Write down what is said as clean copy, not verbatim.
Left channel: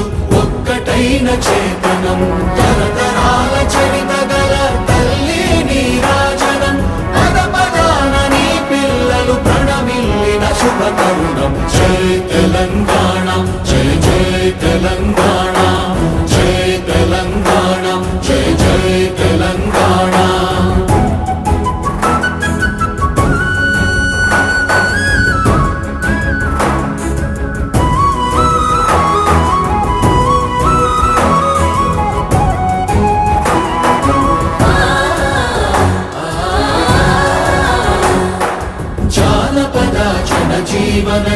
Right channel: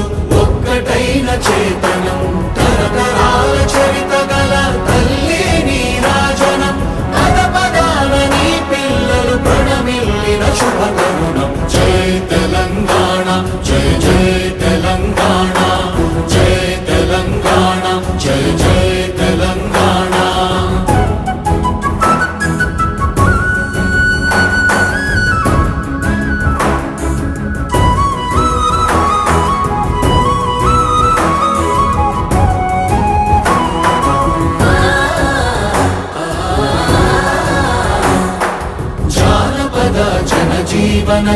ప్రజలు ఒక్కటైన చేతనం తరతరాల చరిత గల తల్లి నీరాజనం పద పదాన నీ పిల్లలు ప్రణమిల్లిన శుభ తరుణం జై తెలంగాణ జై జై తెలంగాణ జై తెలంగాణ జై జై తెలంగాణ జీవన